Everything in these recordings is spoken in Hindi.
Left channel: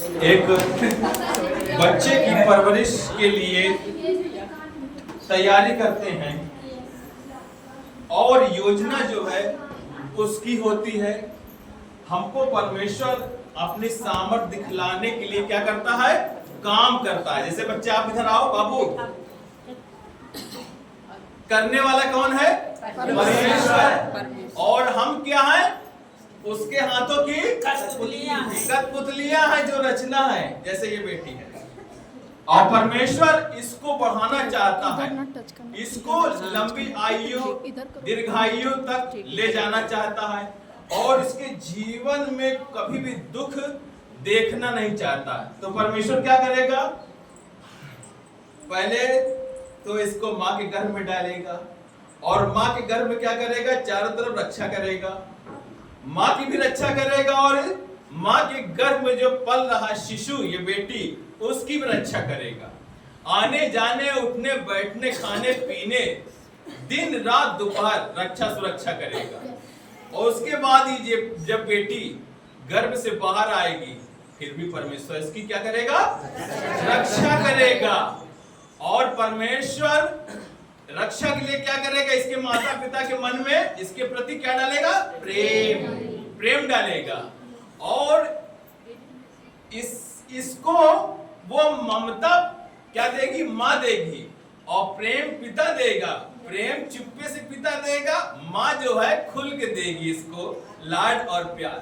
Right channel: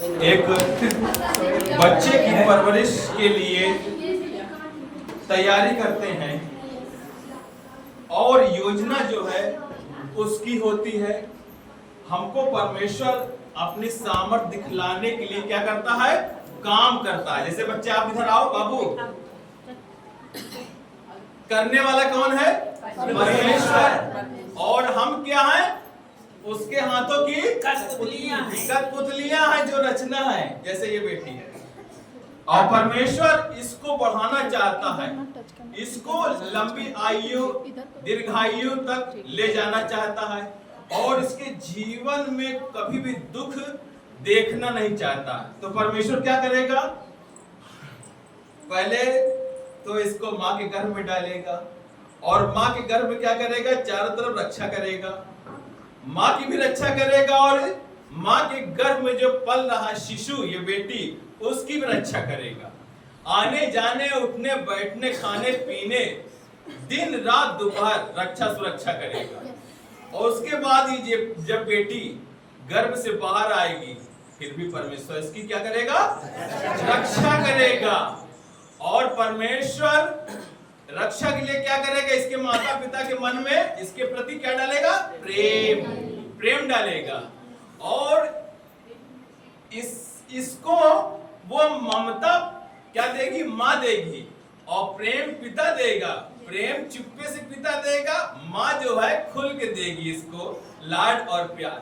एक बच्चे की परवरिश के लिए तैयारी करते हैं और योजना जो है उसकी होती है। हमको परमेश्वर अपनी सामर्थ दिखलाने के लिए क्या करता है, काम करता है। जैसे बच्चे आप इधर आओ बाबू, करने वाला कौन है? परमेश्वर। और हम क्या हैं? उसके हाथों की कठपुतलियां हैं जो रचना है। जैसे ये बेटी है और परमेश्वर इसको बढ़ाना चाहता है, इसको लंबी आयु दीर्घायु तक ले जाना चाहता है और इसके जीवन में कभी भी दुख देखना नहीं चाहता। तो परमेश्वर क्या करेगा? पहले तो इसको मां के गर्भ में डालेगा और मां के गर्भ में क्या करेगा? चारों तरफ रक्षा करेगा, मां की भी रक्षा करेगा और मां के गर्भ में जो पल रहा शिशु, ये बेटी, उसकी भी रक्षा करेगा। आने जाने उठने बैठने खाने पीने दिन रात दोपहर रक्षा सुरक्षा करेगा। और उसके बाद ही जब बेटी गर्भ से बाहर आएगी फिर भी परमेश्वर इसकी क्या करेगा? रक्षा करेगा। और परमेश्वर रक्षा के लिए क्या करेगा? इसके माता पिता के मन में इसके प्रति क्या डालेगा? प्रेम डालेगा। और इसको वो ममता क्या देगी? माँ देगी। और प्रेम पिता देगा। प्रेम चुप्पे से पिता देगा, माँ जो है खुल के देगी इसको लाड और प्यार।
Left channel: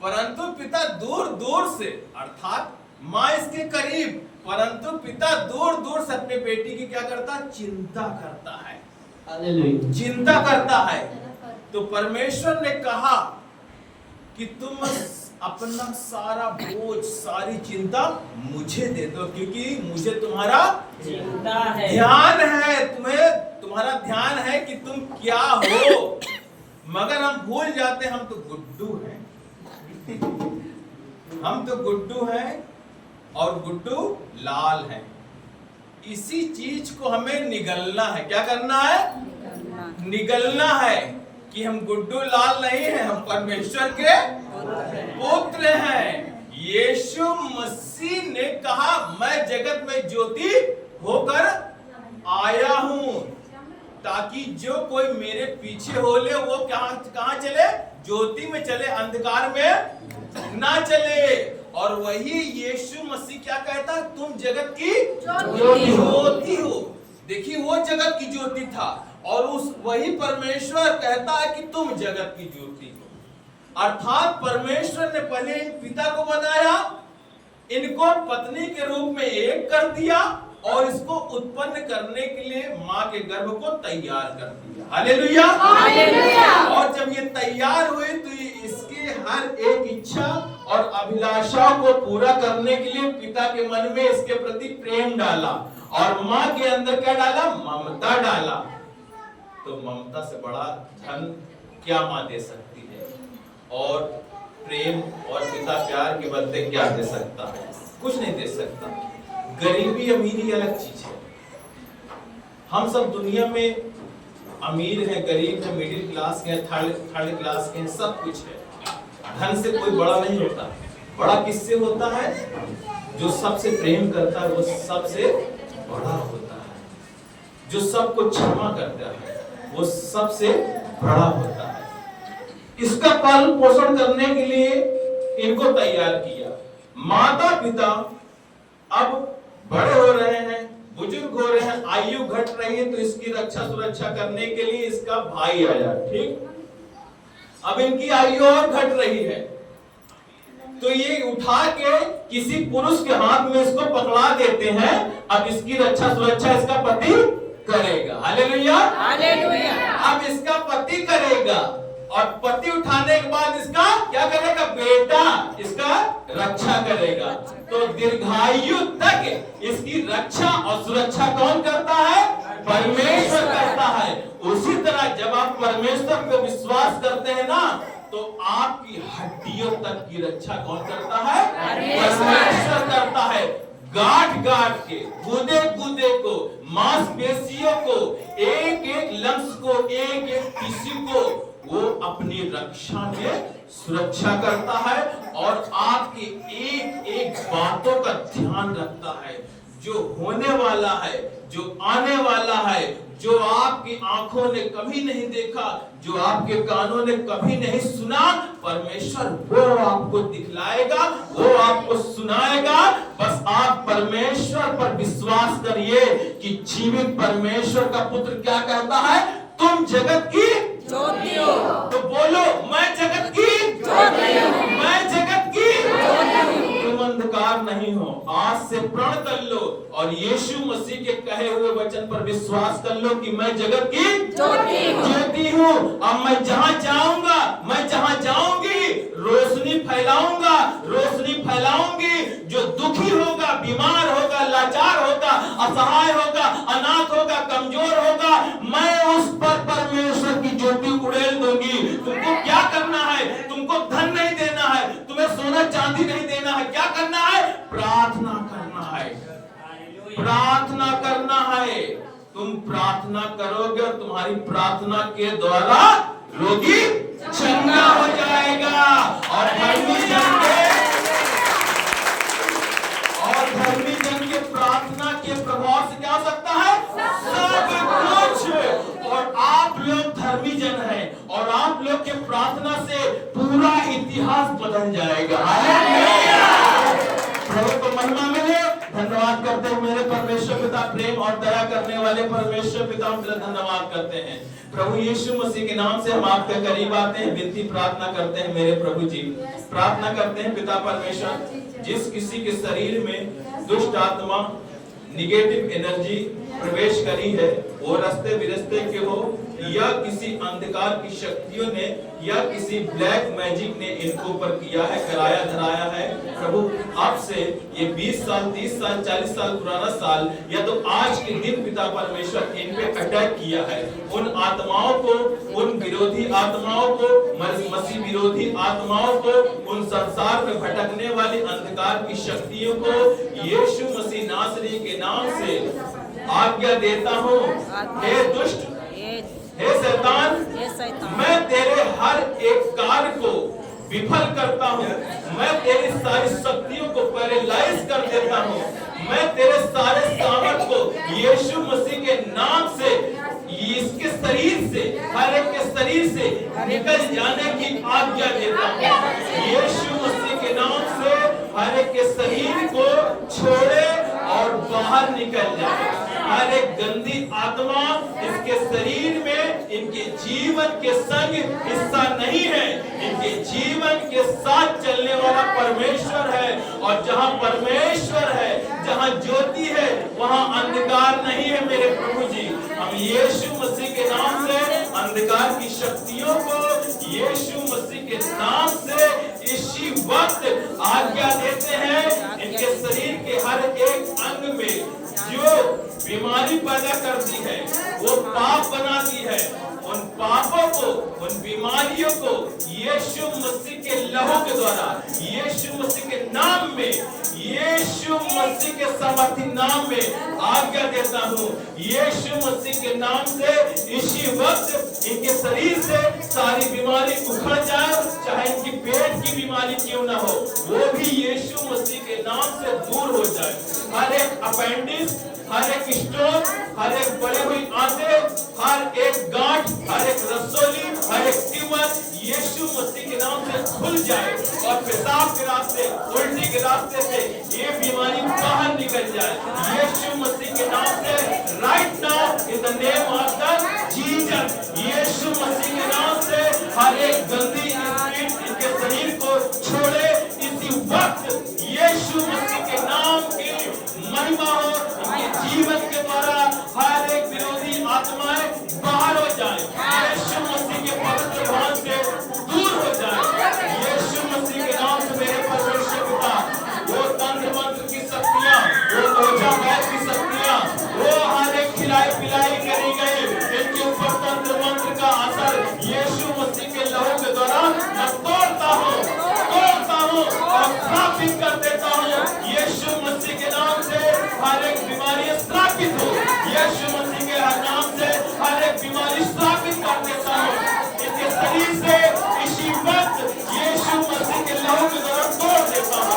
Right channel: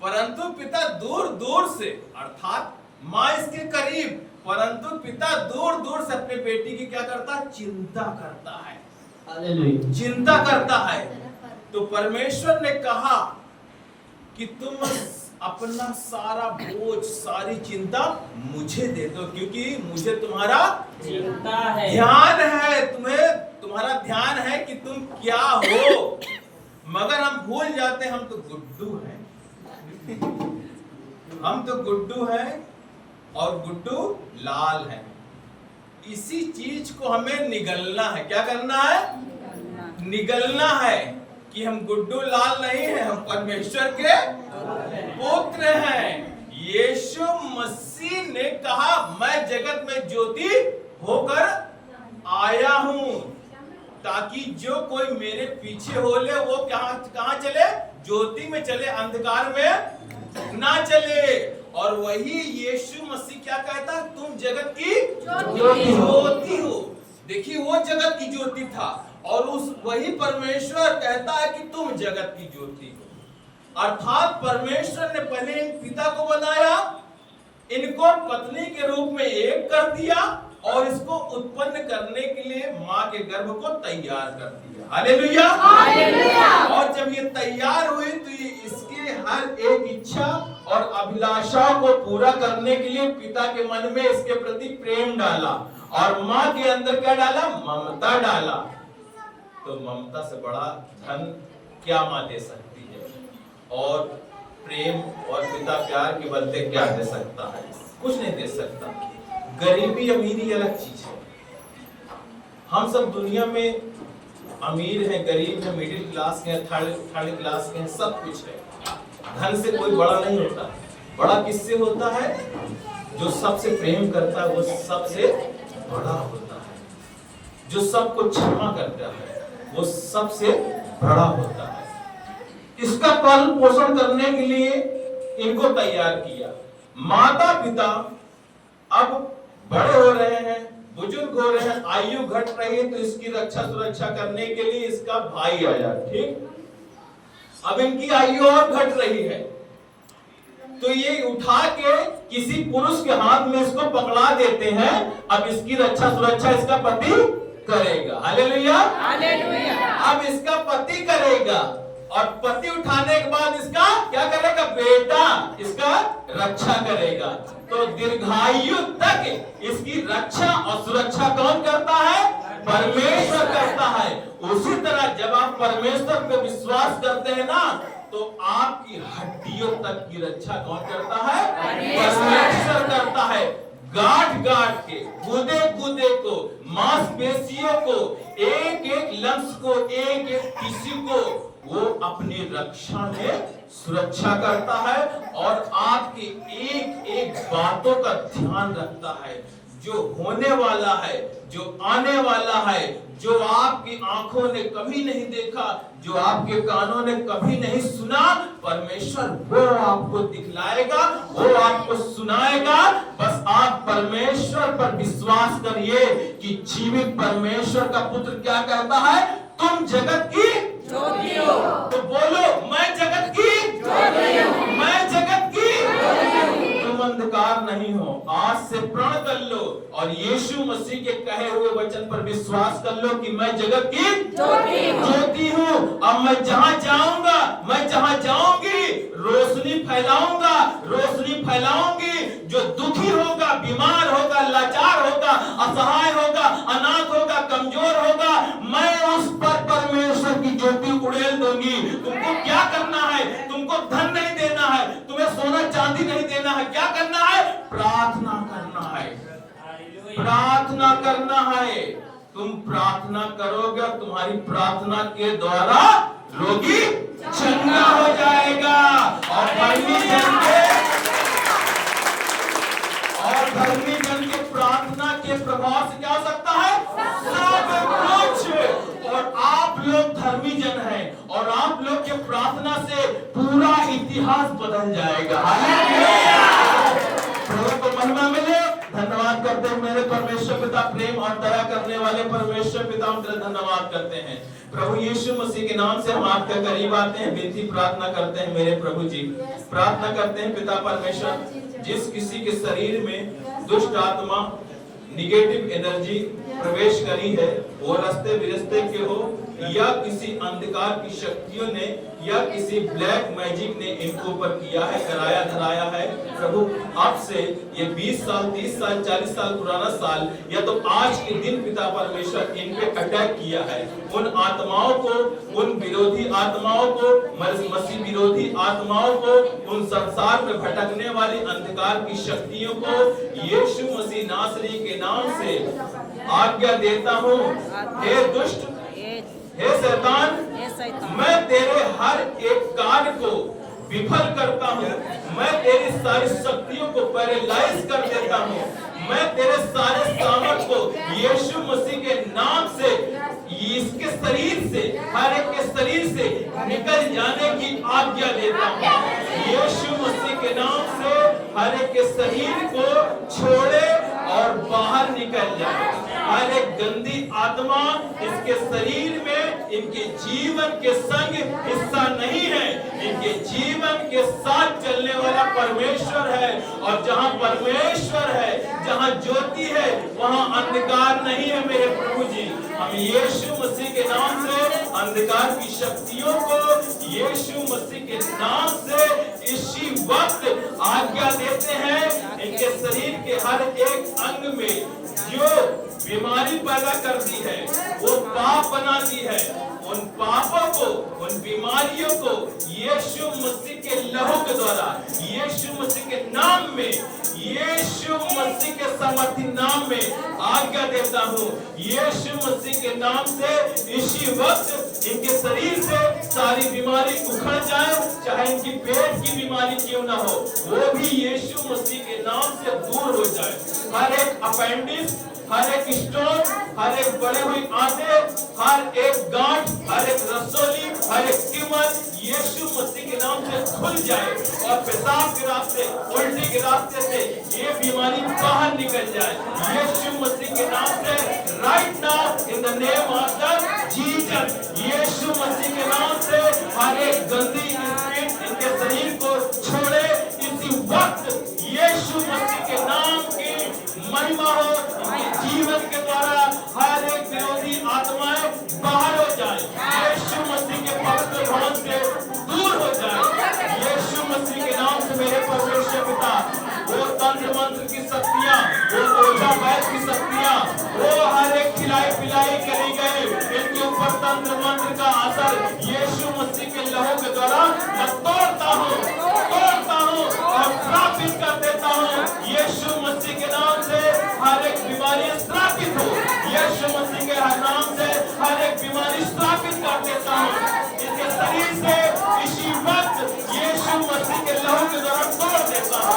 परंतु पिता दूर दूर से, अर्थात माँ इसके करीब, परंतु पिता दूर दूर से अपने बेटी की क्या करता है? चिंता करता है, चिंता करता है। तो परमेश्वर ने कहा कि तुम अपना सारा बोझ सारी चिंता मुझे दे दो, क्योंकि मुझे तुम्हारा चिंता है, ध्यान है। तुम्हारा ध्यान है कि तुम क्या हो। मगर हम भूल जाते हम तो गुड्डू हैं, हम तो गुड्डू हैं और गुड्डू लाल है। इसी चीज को हमें निगलना है। क्या करना है? निगलना है कि हम गुड्डू लाल नहीं हैं, हम परमेश्वर के पुत्र हैं। यीशु मसीह ने कहा मैं जगत में ज्योति होकर आया हूं ताकि जो कोई मेरे पीछे हो ले वो कहां चले? ज्योति में चले, अंधकार में ना चले। और वही यीशु मसीह क्या कहता? तुम जगत की ज्योति हो। देखिए वो जगत की ज्योति था और वही परमेश्वर कहता है कि तुम जगत की ज्योति हो। अर्थात परमेश्वर ने पहले इन पिता को बनाया, इनको पत्नी के रूप में एक कर दिया और इसको उत्पन्न करने के लिए मां के गर्भ को तैयार कर दिया। Hallelujah, hallelujah. और जब ये तैयार हुए तो ये इसके हर एक इच्छा और अभिलाषाओं को पूरा करने के लिए पिता के मन में इसके प्रति प्रेम डाला और मां के अंदर क्या डाला? ममता डाला। तो ममता से बड़ा धन क्या मां दे सकती है? और प्रेम और पिता प्यार के बदले क्या दे सकता है? कुछ नहीं दे सकता। गरीबी अमीरी अलग चीज है। हम सब दुनिया में अमीर हैं, गरीब हैं, मिडिल क्लास के हैं, थर्ड क्लास के हैं, सब कुछ है। धन से कोई बड़ा नहीं होता। बड़ा किससे होता है? जो सबसे प्रेम करता है वो सबसे बड़ा होता है। जो सबको क्षमा करता है वो सबसे बड़ा होता है। इसका पालन पोषण करने के लिए इनको तैयार किया। माता पिता अब बड़े हो रहे हैं, बुजुर्ग हो रहे हैं, आयु घट रही है, तो इसकी रक्षा सुरक्षा करने के लिए इसका भाई आया। ठीक, अब इनकी आयु और घट रही है तो ये उठा के किसी पुरुष के हाथ में इसको पकड़ा देते हैं। अब इसकी रक्षा सुरक्षा इसका पति करेगा। Hallelujah, hallelujah. अब इसका पति करेगा और पति उठाने के बाद इसका क्या करेगा? बेटा इसका रक्षा करेगा। तो दीर्घायु तक इसकी रक्षा और सुरक्षा कौन करता है? परमेश्वर करता है। उसी तरह जब आप परमेश्वर पे विश्वास करते हैं ना, तो आपकी हड्डियों तक की रक्षा कौन करता है? परमेश्वर करता है। गांठ गांठ के, गुदे गुदे को, मांसपेशियों को, एक एक लम्स को, एक एक टिश्यू को वो अपनी रक्षा में सुरक्षा करता है और आपकी एक एक बातों का ध्यान रखता है। जो होने वाला है, जो आने वाला है, जो आपकी आंखों ने कभी नहीं देखा, जो आपके कानों ने कभी नहीं सुना, परमेश्वर वो आपको दिखलाएगा, वो आपको सुनाएगा। बस आप परमेश्वर पर विश्वास करिए कि जीवित परमेश्वर का पुत्र क्या कहता है, तुम जगत की ज्योति हो। तो बोलो, मैं जगत की ज्योति हूं, मैं जगत की ज्योति हूं। तुम अंधकार नहीं हो। आज से प्रण कर लो और यीशु मसीह के कहे हुए वचन पर विश्वास कर लो कि मैं जगत की ज्योति हूँ। अब मैं जहाँ जाऊंगा, मैं जहाँ जाऊंगी, रोशनी फैलाऊंगा, रोशनी फैलाऊंगी। जो दुखी होगा, बीमार होगा, लाचार होगा, असहाय होगा, अनाथ होगा, कमजोर होगा, मैं उस पर परमेश्वर की ज्योति उड़ेल दूंगी। तुमको क्या करना है? तुमको धन नहीं देना है, तुम्हें सोना चांदी नहीं देना है। क्या करना है? प्रार्थना करना है, प्रार्थना करना है। तुम प्रार्थना करोगे और तुम्हारी प्रार्थना के द्वारा रोगी चंगा हो जाएगा। और धर्मी जन के प्रार्थना के प्रभाव से क्या हो सकता है? सब कुछ। और आप लोग धर्मी जन हैं और आप लोग के प्रार्थना से पूरा इतिहास बदल जाएगा। प्रभु को महिमा मिले। धन्यवाद करते हैं मेरे परमेश्वर पिता, प्रेम और दया करने वाले परमेश्वर पिता, हम तेरा धन्यवाद करते हैं। प्रभु यीशु मसीह के नाम से हम आपके करीब आते हैं, विनती प्रार्थना करते हैं मेरे प्रभु जी। प्रार्थना करते हैं पिता परमेश्वर, जिस किसी के शरीर में दुष्ट आत्मा, निगेटिव एनर्जी प्रवेश करी है, वो रास्ते विरस्ते के हो या किसी अंधकार की शक्तियों ने या किसी ब्लैक मैजिक ने इनको ऊपर किया है, कराया धराया है। प्रभु अब से ये 20 साल, 30 साल, 40 साल पुराना साल या तो आज के दिन पिता परमेश्वर इन पे अटैक किया है, उन आत्माओं को, उन विरोधी आत्माओं को, मसीह विरोधी आत्माओं को, उन संसार में भटकने वाली अंधकार की शक्तियों को यीशु मसीह नासरी के नाम से आज्ञा देता हूँ। हे दुष्ट, हे शैतान, मैं तेरे हर एक कार्य को विफल करता हूँ। मैं तेरी सारी शक्तियों को पैरालाइज कर देता हूँ। मैं तेरे सारे सामर्थ को यीशु मसीह के नाम से, इसके शरीर से, हर एक के शरीर से निकल जाने की आज्ञा देता हूँ। यीशु मसीह के नाम से हर एक के शरीर को छोड़े और बाहर निकल जाए। हर एक गंदी आत्मा इसके शरीर में इनके जीवन के संग हिस्सा नहीं है। इनके जीवन के साथ चलने वाला परमेश्वर है, और जहाँ परमेश्वर है, जहाँ ज्योति है, वहाँ अंधकार नहीं है मेरे प्रभु जी। हम यीशु मसीह के नाम से अंधकार की शक्तियों को यीशु मसीह के नाम से इसी वक्त आज्ञा देते हैं। इनके शरीर के हर एक अंग में जो बीमारी पैदा करती है, वो पाप बनाती है, उन पापों को, उन बीमारियों को यीशु मसीह के लहू के द्वारा, यीशु मसीह के नाम में, यीशु मसीह के सामर्थी नाम में आज्ञा देता हूँ। यीशु मसीह के नाम से इसी वक्त इनके शरीर से सारी बीमारी उखड़ जाए, चाहे इनकी पेट की बीमारी क्यों ना हो, वो भी यीशु मसीह के नाम से दूर हो जाए। हर एक अपेंडिक्स, हर एक स्टोन, हर एक बढ़े हुई आंतें, हर एक गांठ, हर एक रसोली, हर एक ट्यूमर यीशु मसीह के नाम से खुल जाए और पेशाब के रास्ते, उल्टी के रास्ते से ये बीमारी बाहर निकल जाए। यीशु मसीह के नाम से right now in the name of the Jesus, यीशु मसीह के नाम से हर एक गंदी स्पिरिट इनके शरीर को छोड़े इसी वक्त। यीशु मसीह के नाम की महिमा हो, इनके जीवन के द्वारा हर एक विरोधी आत्माएं बाहर हो जाए, यीशु मसीह के पवित्र नाम से दूर हो जाए। यीशु मसीह के नाम से मेरे परमेश्वर पिता, वो तंत्र मंत्र की शक्तियां, वो ओझा वैद्य की शक्तियां, वो हर एक खिलाई पिलाई करी गई, इनके ऊपर तंत्र मंत्र का असर यीशु मसीह के लहू के द्वारा मैं तोड़ता हूँ और स्थापित कर देता हूँ। यीशु मसीह के नाम से हर एक बीमारी स्थापित हो, यीशु मसीह के नाम से हर एक बीमारी स्थापित कर देता हूँ। इनके शरीर से इसी वक्त यीशु मसीह के लहू के द्वारा तोड़ देता हूँ।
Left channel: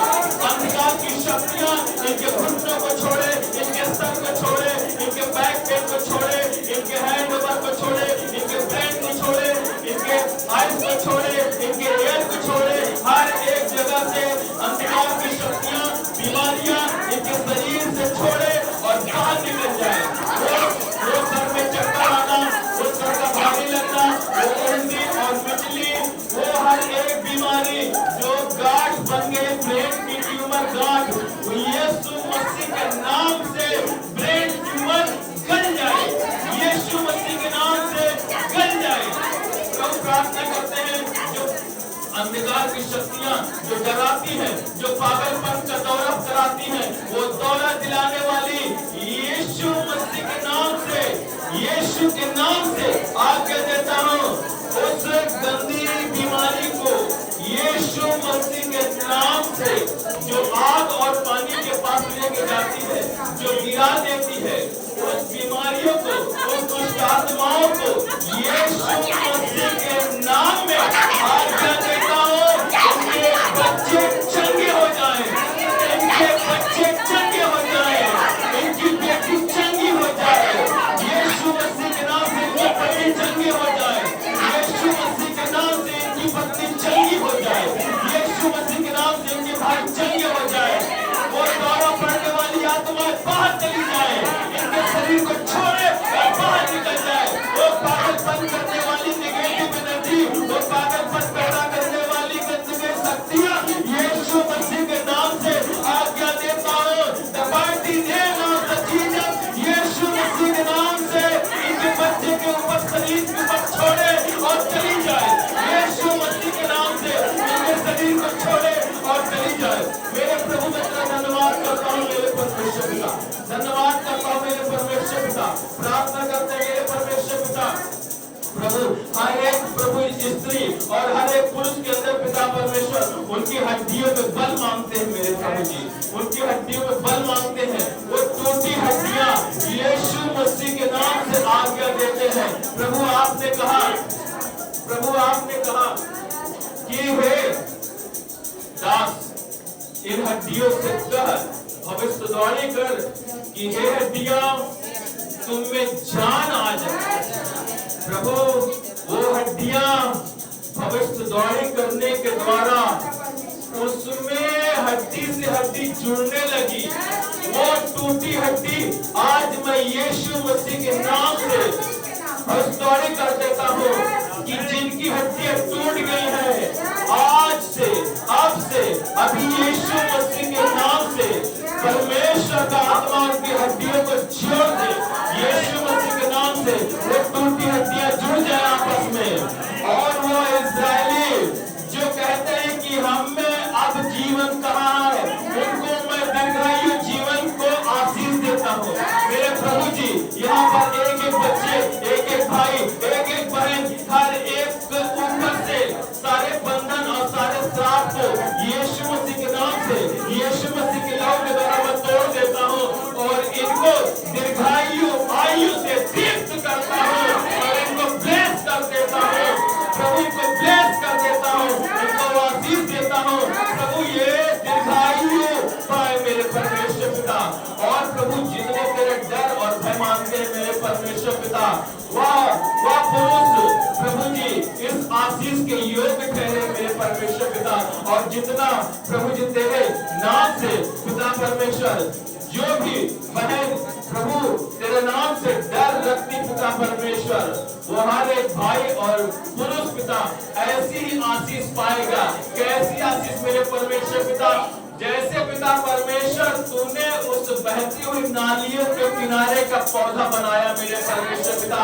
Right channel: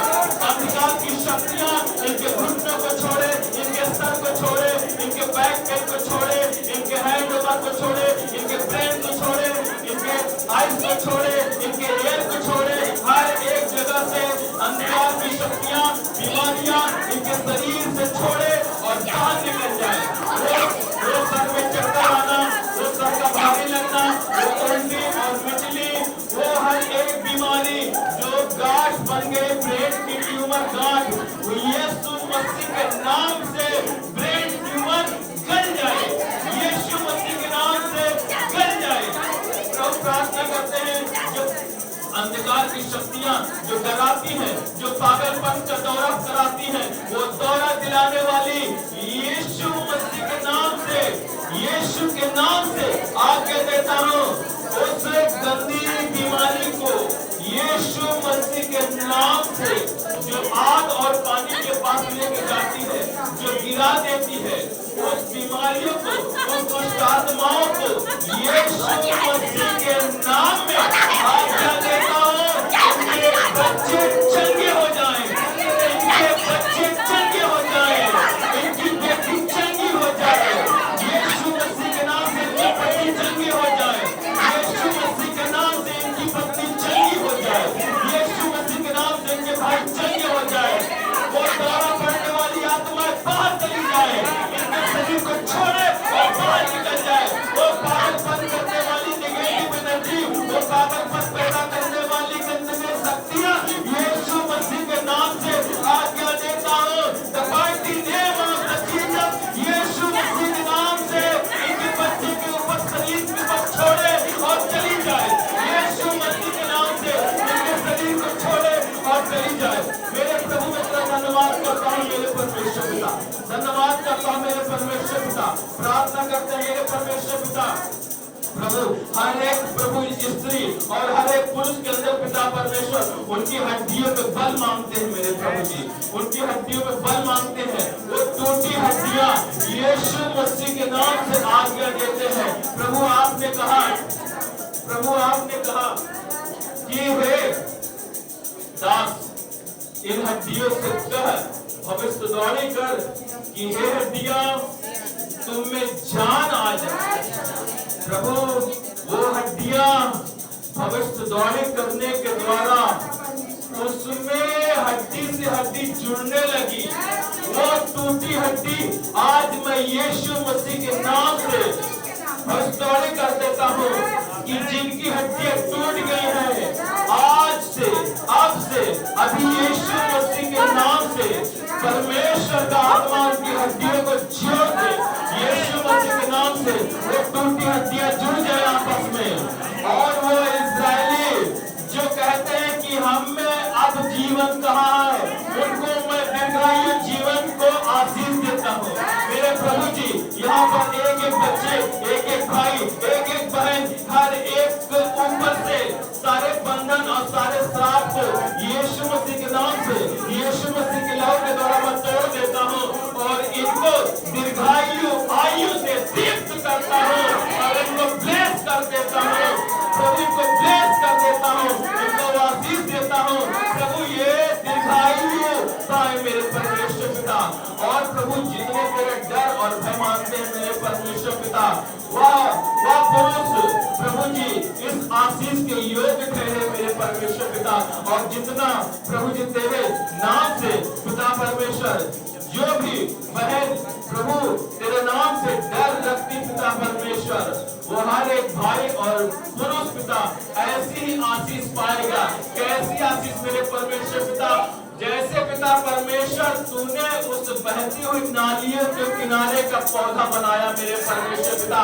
अंधकार की शक्तियां इनके घुटनों को छोड़े, इनके सर को छोड़े, इनके बैक पेन को छोड़े, इनके हैंड ओवर को छोड़े, इनके ब्रेन को छोड़े, इनके आइज को छोड़े, इनके ईयर को छोड़े। हर एक जगह से अंधकार की शक्तियां, बीमारियां इनके शरीर से छोड़े और बाहर निकल जाए। वो सर में चक्कर आना, वो सर का भारी लगना, वो उल्टी और बिजली, वो हर एक बीमारी जो गांठ बन गए, ब्रेन की ट्यूमर गांठ, यीशु मसीह के नाम से ब्रेन ट्यूमर गल जाए, यीशु मसीह के नाम से गल जाए। तो प्रार्थना करते हैं, जो अंधकार की शक्तियां जो डराती हैं, जो पागलपन का दौरा कराती हैं, वो दौरा दिलाने वाली यीशु मसीह के नाम से, यीशु के नाम से आज्ञा देता हूँ। उस गंदी बीमारी को यीशु मसीह के नाम से, जो आग और पानी के पास लेके जाती है, जो गिरा देती है, उस बीमारियों को, उस दुष्ट आत्माओं को यीशु मसीह के नाम में आज्ञा देता हूँ। इनके बच्चे चंगे हो जाएं, इनके बच्चे चंगे हो जाएं, इनकी बेटी चंगी हो जाए, यीशु मसीह के नाम से इनकी पति चंगी हो जाए, यीशु मसीह के नाम से इनकी पत्नी चंगी हो जाए, यीशु मसीह के नाम से इनके भाई चंगे हो जाए। वो दौरा पड़ने वाली आत्माएं बाहर चली जाए, इनके शरीर को छोड़े और बाहर निकल जाए। वो पागलपन करने वाली नेगेटिव एनर्जी, वो पागलपन पैदा करने वाली गंदगी शक्तियां यीशु मसीह के नाम से आज्ञा देता हूँ। The mighty name of the Jesus, यीशु मसीह के नाम से इनके बच्चे के ऊपर, शरीर के ऊपर छोड़े और चली जाए, यीशु मसीह के नाम से इनके शरीर को छोड़े और चली जाए। मेरे प्रभु मैं तेरा धन्यवाद करता हूँ मेरे परमेश्वर पिता, धन्यवाद करता हूँ मेरे परमेश्वर पिता। प्रार्थना करते हैं मेरे परमेश्वर पिता, प्रभु हर एक प्रभु स्त्री और हर एक पुरुष के अंदर पिता परमेश्वर उनकी हड्डियों में बल मांगते हैं मेरे प्रभु जी, उनकी हड्डियों में बल मांगते हैं। वो टूटी हड्डियां यीशु मसीह के नाम से आज्ञा देते हैं। प्रभु आपने कहा, प्रभु आपने कहा कि हे दास, इन हड्डियों से कह, भविष्यवाणी कर कि हे हड्डियां तुम में जान आ जाए। प्रभु वो हड्डियां भविष्यवाणी करने के द्वारा उसमें हड्डी से हड्डी जुड़ने लगी। वो टूटी हड्डी आज मैं यीशु मसीह के नाम से भविष्यवाणी कर देता हूँ कि जिनकी हड्डियां टूट गई हैं, आज से, अब से, अभी यीशु मसीह के नाम से परमेश्वर का आत्मा उनकी हड्डियों को जोड़ दे। यीशु मसीह के नाम से वो टूटी हड्डियां जुड़ जाए आपस में। और वो इस्राएली जो कहते हैं कि हम में अब जीवन कहाँ है, उनको मैं दीर्घायु जीवन को आशीष देता हूँ। मेरे प्रभु जी, यहाँ पर एक एक बच्चे, एक एक भाई, एक एक बहन, हर एक ऊपर से सारे बंधन और सारे श्राप को यीशु मसीह के नाम से, यीशु मसीह के लहू के द्वारा मैं तोड़ देता हूँ और इनको दीर्घायु आयु से दीप्त करता हूँ और इनको ब्लेस कर देता हूँ। प्रभु इनको ब्लेस कर देता हूँ, इनको आशीष देता हूँ। प्रभु ये दीर्घायु पाए मेरे परमेश्वर पिता। और प्रभु जितने तेरे डर और भय मानते हैं मेरे परमेश्वर पिता, वह पुरुष प्रभु जी इस आशीष के योग्य ठहरे मेरे परमेश्वर पिता। और जितना प्रभु जी तेरे नाम से पिता परमेश्वर जो भी बहन प्रभु तेरे नाम से डर रखती पिता परमेश्वर, वो हर एक भाई और पुरुष पिता ऐसी ही आशीष पाएगा। कैसी आशीष मेरे परमेश्वर पिता, जैसे पिता परमेश्वर तूने उस बहती हुई नालियों के किनारे का पौधा बनाया मेरे परमेश्वर पिता,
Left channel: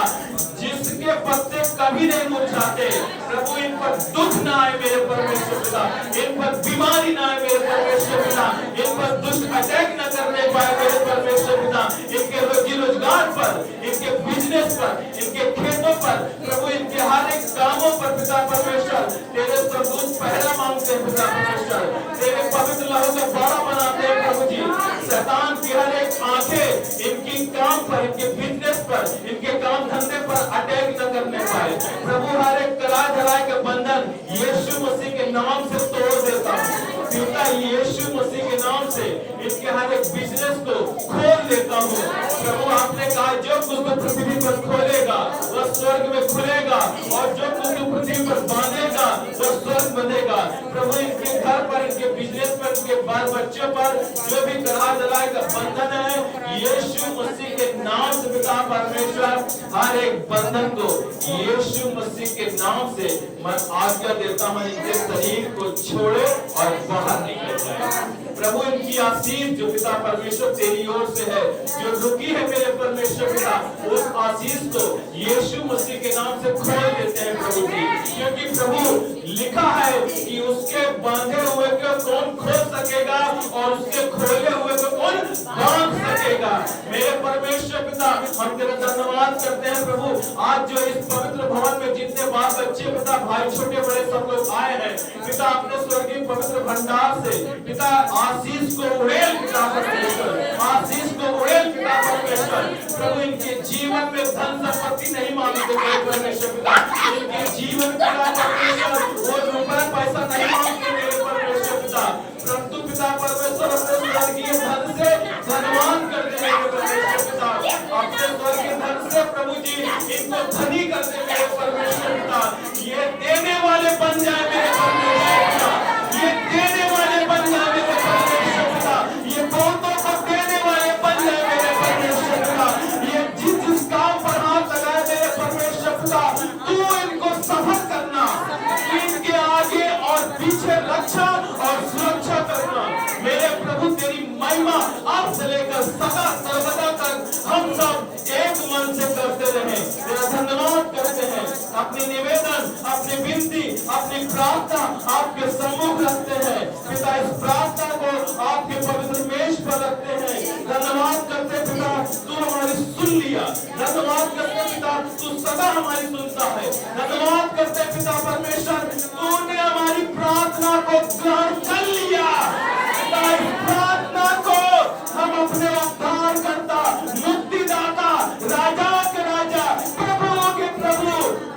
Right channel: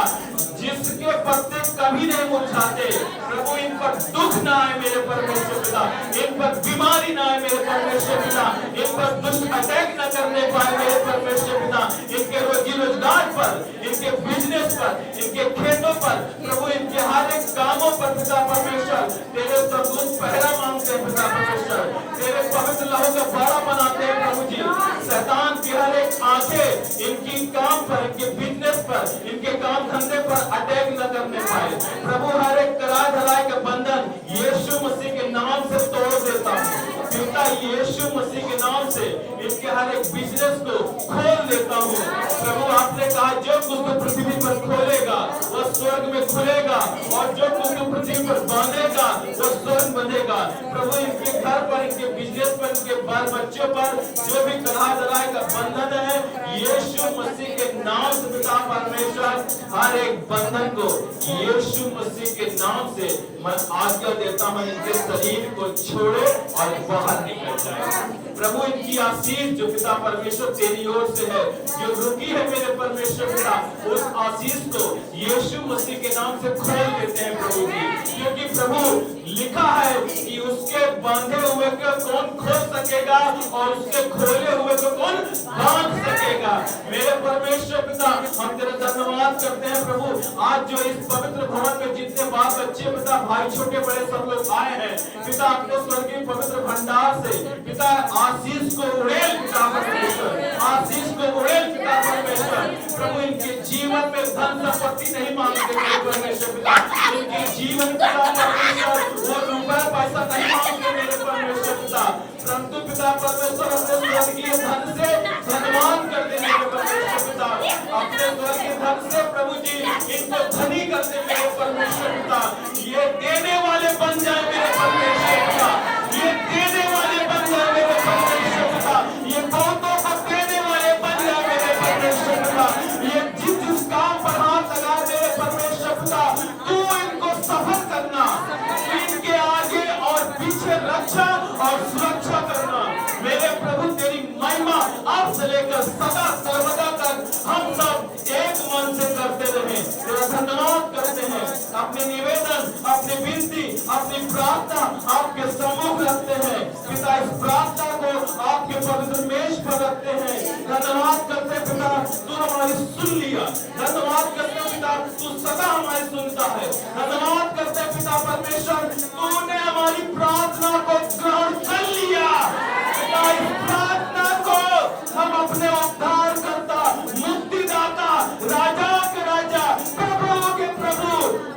जिसके पत्ते कभी नहीं मुरझाते। प्रभु इन पर दुख ना आए मेरे परमेश्वर पिता, इन पर बीमारी ना आए मेरे परमेश्वर पिता, इन पर दुष्ट अटैक न करने पाए मेरे परमेश्वर पिता। इनके रोजी रोजगार पर, इनके बिजनेस पर, इनके खेतों पर, प्रभु इनके हर एक कामों पर पिता परमेश्वर तेरे सरदूत पहरा मांगते हैं पिता परमेश्वर। तेरे पवित्र लहू का बाड़ा बनाते हैं प्रभु जी। शैतान की हर एक आंखें इनकी काम पर, इनके बिजनेस पर, इनके काम धंधे पर अटैक न करने पाए। प्रभु हर एक करार धराए के बंधन आज एक बिजनेस को खोल देता हूँ। प्रभु आपने कहा जो कुछ तू पृथ्वी पर खोलेगा वह स्वर्ग में खुलेगा, और जो कुछ तू पृथ्वी पर बांधेगा वह स्वर्ग बंधेगा। प्रभु इनके घर पर, इनके बिजनेस पर, इनके बाल बच्चों पर जो भी कला दलाई का बंधन है, यीशु मसीह के नाम से पिता परमेश्वर हर एक बंधन को यीशु मसीह के नाम से मैं आज्ञा देता हूँ, इनके शरीर को छोड़े और बाहर निकल जाए। प्रभु इनकी आशीष जो पिता परमेश्वर तेरी ओर से है, जो रुकी है मेरे परमेश्वर पिता, उस आशीष को यीशु मसीह के नाम से खोल देते हैं प्रभु जी। क्योंकि प्रभु लिखा है कि उसके बांधे हुए को कौन खोल सकेगा और उसके खोले हुए को कौन बांध सकेगा। मेरे परमेश्वर पिता हम तेरा धन्यवाद करते हैं प्रभु। आज जो इस पवित्र भवन में जितने बाल बच्चे पिता, भाई छोटे बड़े सब लोग आए हैं पिता, अपने स्वर्गीय पवित्र भंडार से पिता आशीष को उड़ेल पिता परमेश्वर, आशीष को उड़ेल पिता परमेश्वर। प्रभु इनके जीवन में धन संपत्ति नहीं मांगते मेरे परमेश्वर पिता, इनके जीवन पिता परमेश्वर वो रुपया पैसा नहीं मांगते मेरे परमेश्वर पिता, परंतु पिता परमेश्वर अपने स्वर्गीय धन से धनवान करते मेरे परमेश्वर पिता, अपने स्वर्गीय धन से प्रभु जी इनको धनी करते मेरे परमेश्वर पिता। ये देने वाले बन जाए मेरे परमेश्वर पिता, ये देने वाले बन जाए मेरे परमेश्वर पिता, ये बहुतों को देने वाले बन जाए मेरे परमेश्वर पिता। ये जिस काम पर हाथ लगाए मेरे परमेश्वर पिता, तू इनको सफल करना, इनके आगे और पीछे रक्षा और सुरक्षा करना मेरे प्रभु। तेरी महिमा अब से लेकर सदा सर्वदा तक हम सब एक मन से करते रहे। तेरा धन्यवाद करते हैं, अपने निवेदन, अपनी विनती, अपनी प्रार्थना आपके सम्मुख रखते हैं पिता। इस प्रार्थना को आपके पवित्र मेज पर रखते हैं। धन्यवाद करते पिता, तू हमारी सुन लिया। धन्यवाद करते पिता, तू सदा हमारी सुनता है। धन्यवाद करते पिता परमेश्वर, तूने हमारी प्रार्थना को ग्रहण कर लिया पिता। इस प्रार्थना को हम अपने उद्धार करता, मुक्तिदाता, राजाओं के राजा, प्रभुओं के प्रभु,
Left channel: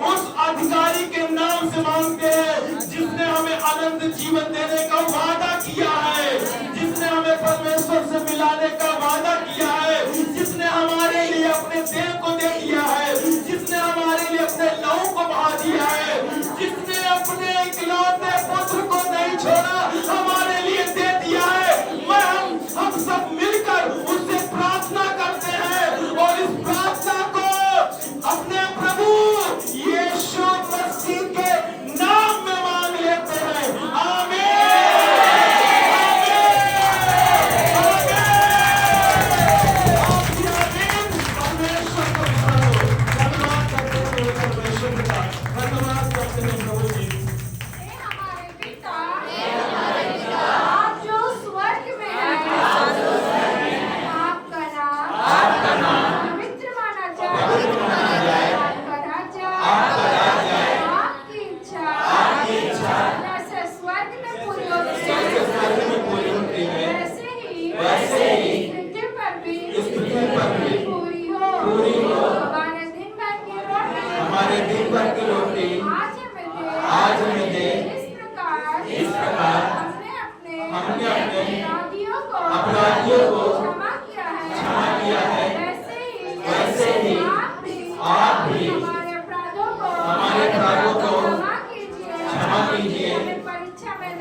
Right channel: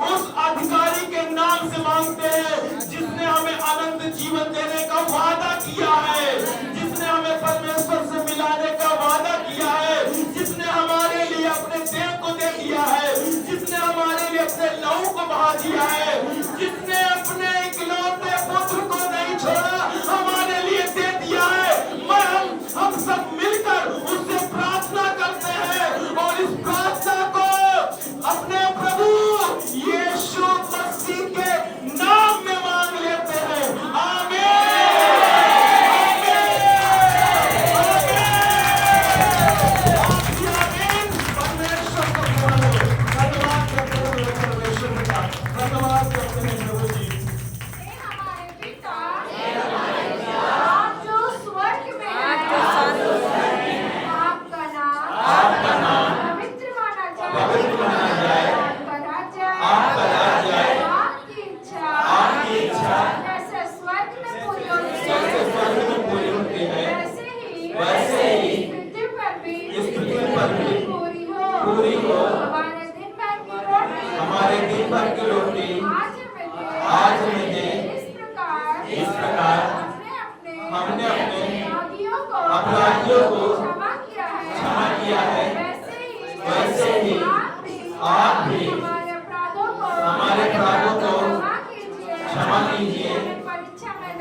उस अधिकारी के नाम से मांगते हैं जिसने हमें अनंत जीवन देने का वादा किया है, जिसने हमें परमेश्वर से मिलाने का वादा किया है, जिसने हमारे लिए अपने देह को दे दिया है, जिसने हमारे लिए अपने लहू को बहा दिया है, जिसने अपने इकलौते पुत्र को नहीं छोड़ा, हमारे लिए दे दिया है। हम सब मिलकर उससे प्रार्थना करते हैं और इस प्रार्थना को अपने प्रभु यीशु मसीह के नाम में मांग लेते हैं। आमीन, आमीन, आमीन। परमेश्वर को धन्यवाद करते हैं परमेश्वर का, धन्यवाद करते हैं प्रभु जी। अपराधियों को क्षमा किया है, वैसे ही आप भी हमारे अपराधों को क्षमा कीजिए। हमें परीक्षा में न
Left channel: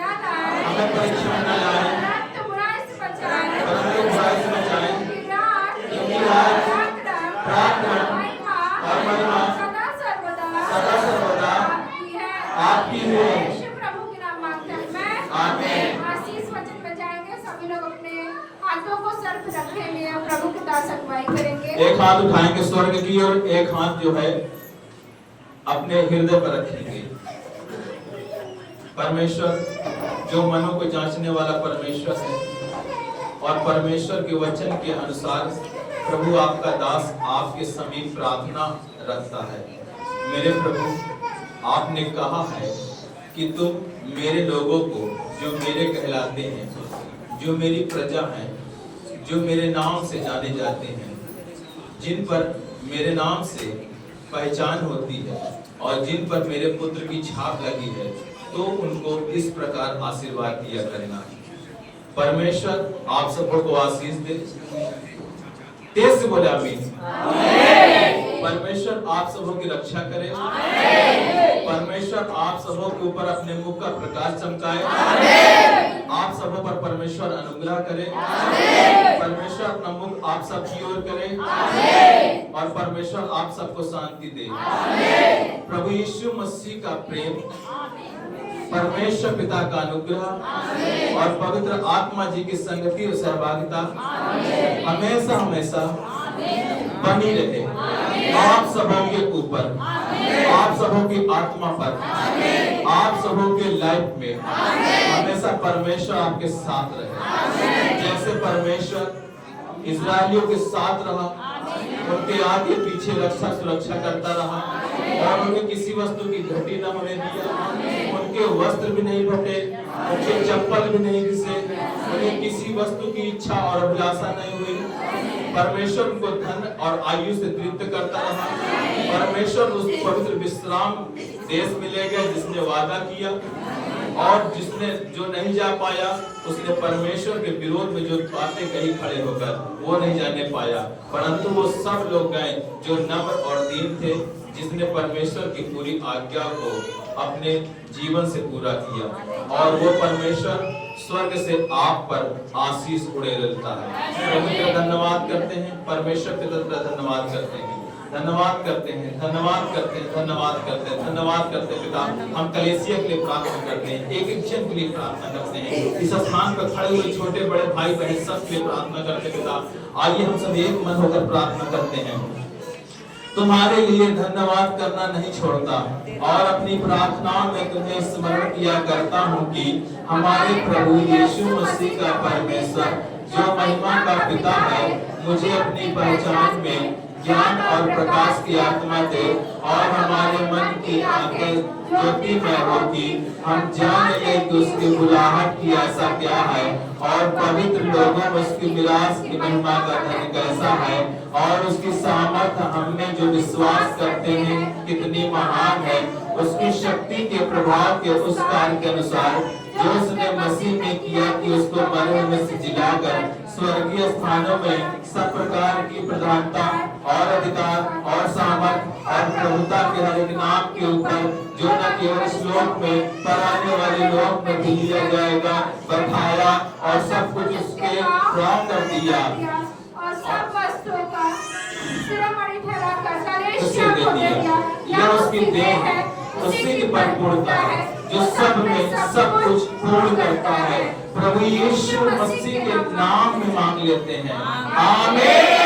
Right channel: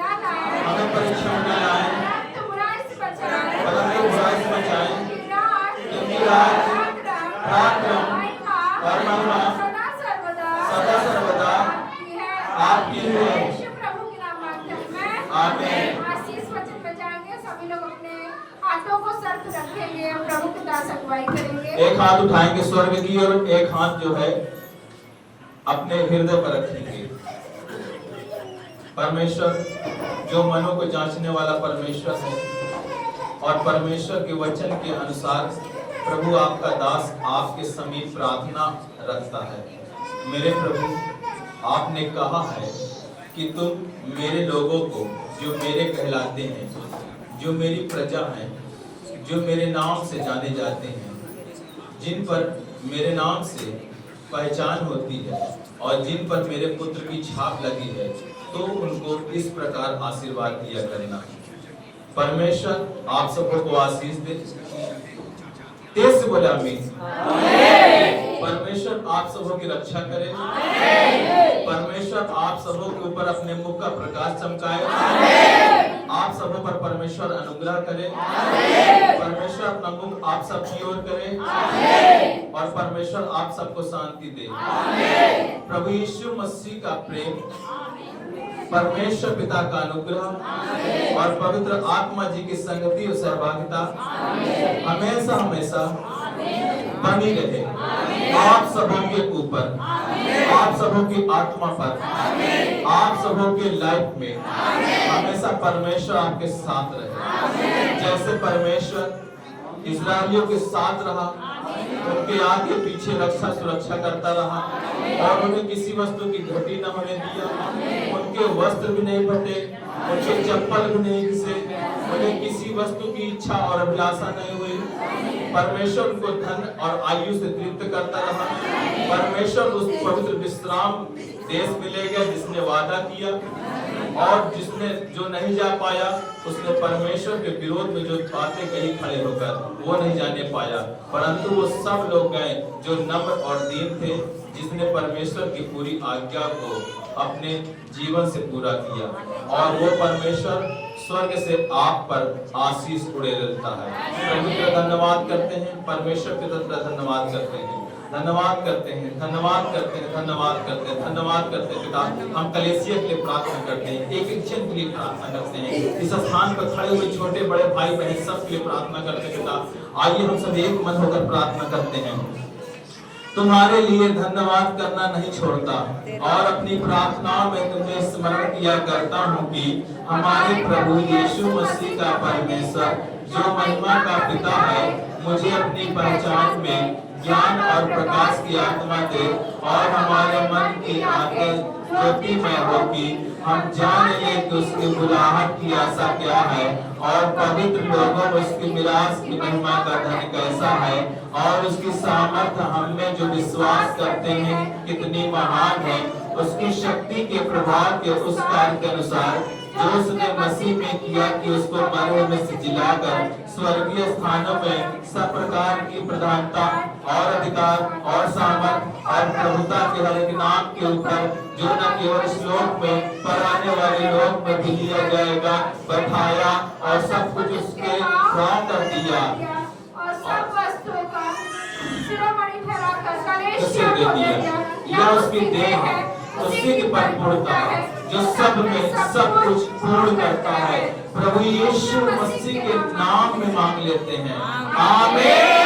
लाएं, परंतु बुराई से बचाएं। क्योंकि राज, प्रार्थना और महिमा सदा सर्वदा आपकी है। यीशु प्रभु के नाम मांगते हैं मैं। आमीन। आशीष वचन में जाएंगे, सभी लोग अपने हाथों को सर पे रखेंगे, प्रभु के दास अगुवाई करेंगे। एक हाथ उठाएंगे स्वर्ग की ओर, एक हाथ जो है अपने हृदय पर रखेंगे। परमेश्वर जो मनों को जांचने वाला परमेश्वर है और परमेश्वर के वचन के अनुसार प्रभु आपका दास आपके समीप प्रार्थना रखता है। मेरे प्रभु, आपने कहा है कि तुम मेरे लोगों को जो मेरे कहलाते हैं, जो मेरी प्रजा हैं, जो मेरे नाम से जाने जाते हैं, जिन पर मेरे नाम से पहचान होती है और जिन पर मेरे पुत्र की छाप लगी है, तो उनको इस प्रकार आशीर्वाद दिया करना। परमेश्वर आप सबको को आशीष दे। तेज से बोले आमीन। परमेश्वर आप सबों की रक्षा करे। परमेश्वर आप सबों के ऊपर अपने मुख का प्रकाश चमकाए। आप सबों पर परमेश्वर अनुग्रह करे। परमेश्वर अपना मुख आप सब की ओर करे और परमेश्वर आप सबको शांति दे। प्रभु यीशु मसीह का प्रेम, परमेश्वर पिता का अनुग्रह और पवित्र आत्मा जी की संगति और सहभागिता हमेशा हमेशा बनी रहे आप सबों के ऊपर, आप सबों की आत्मा पर, आप सबों के लाइफ में हमेशा परमेश्वर आपके साथ रहे। जैसे परमेश्वर इजरायलियों के साथ रहा, उनके आगे पीछे रक्षा सुरक्षा करता रहा और उन्हें किसी वस्तु की घटी न होने दिया। उनके वस्त्र भी नहीं फटे, उनके चप्पल भी नहीं घिसे, उन्हें किसी वस्तु की इच्छा और अभिलाषा नहीं हुई। परमेश्वर उनको धन और आयु से तृप्त करता रहा। परमेश्वर उस पवित्र विश्राम देश मिलेगा जिसने वादा किया, और जिसने जो नहीं जा पाया उसने परमेश्वर के विरोध में जो बातें कही खड़े होकर वो नहीं जाने पाया, परंतु वो सब लोग गए जो नम्र और दीन थे, जिसने परमेश्वर की पूरी आज्ञा को अपने जीवन से पूरा किया, और वो परमेश्वर स्वर्ग से आप पर आशीष उड़े लेता है। प्रभु का धन्यवाद करते हैं, परमेश्वर के तरफ धन्यवाद करते हैं, धन्यवाद करते हैं, धन्यवाद करते हैं, धन्यवाद करते हैं, धन्यवाद करते हैं पिता। हम कलेसिया के लिए प्रार्थना करते हैं, एक एक जन के लिए प्रार्थना करते हैं, इस स्थान पर खड़े हुए छोटे बड़े भाई बहन सब के लिए प्रार्थना करते हैं पिता। आइए हम सब एक मन होकर प्रार्थना करते हैं। तुम्हारे लिए धन्यवाद करना नहीं छोड़ता और अपनी प्रार्थना में तुम्हें स्मरण किया करता हूँ कि हमारे प्रभु यीशु मसीह का परमेश्वर जो महिमा का पिता है मुझे अपनी पहचान में ज्ञान और प्रकाश की आत्मा दे और हमारे मन की आंखें ज्योतिमय हो कि हम जान ले कि उसकी बुलाहट की आशा क्या है और पवित्र लोगों में उसकी मिरास की महिमा का धन कैसा है और उसकी सामर्थ्य हम में जो विश्वास करते हैं कितनी महान है। उसकी शक्ति के प्रभाव के उस कार्य के अनुसार जो उसने मसीह में किया कि उसको मरे में से जिलाकर स्वर्गीय स्थानों में सब प्रकार की प्रधानता और अधिकार और सामर्थ और प्रभुता के हर एक नाम के ऊपर जो न केवल इस लोक में पर आने वाले लोक में भी लिया जाएगा बैठाया और सब कुछ उसके प्रणाम कर दिया और सब वस्तुओं का शिरोमणि ठहराकर उसे दे दिया। यह उसकी देह है, उसी की परिपूर्णता है जो सब में सब कुछ पूर्ण करता है। प्रभु यीशु मसीह के नाम में मांग लेते हैं, आमीन।